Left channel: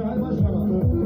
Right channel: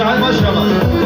Şahin Başkan'a.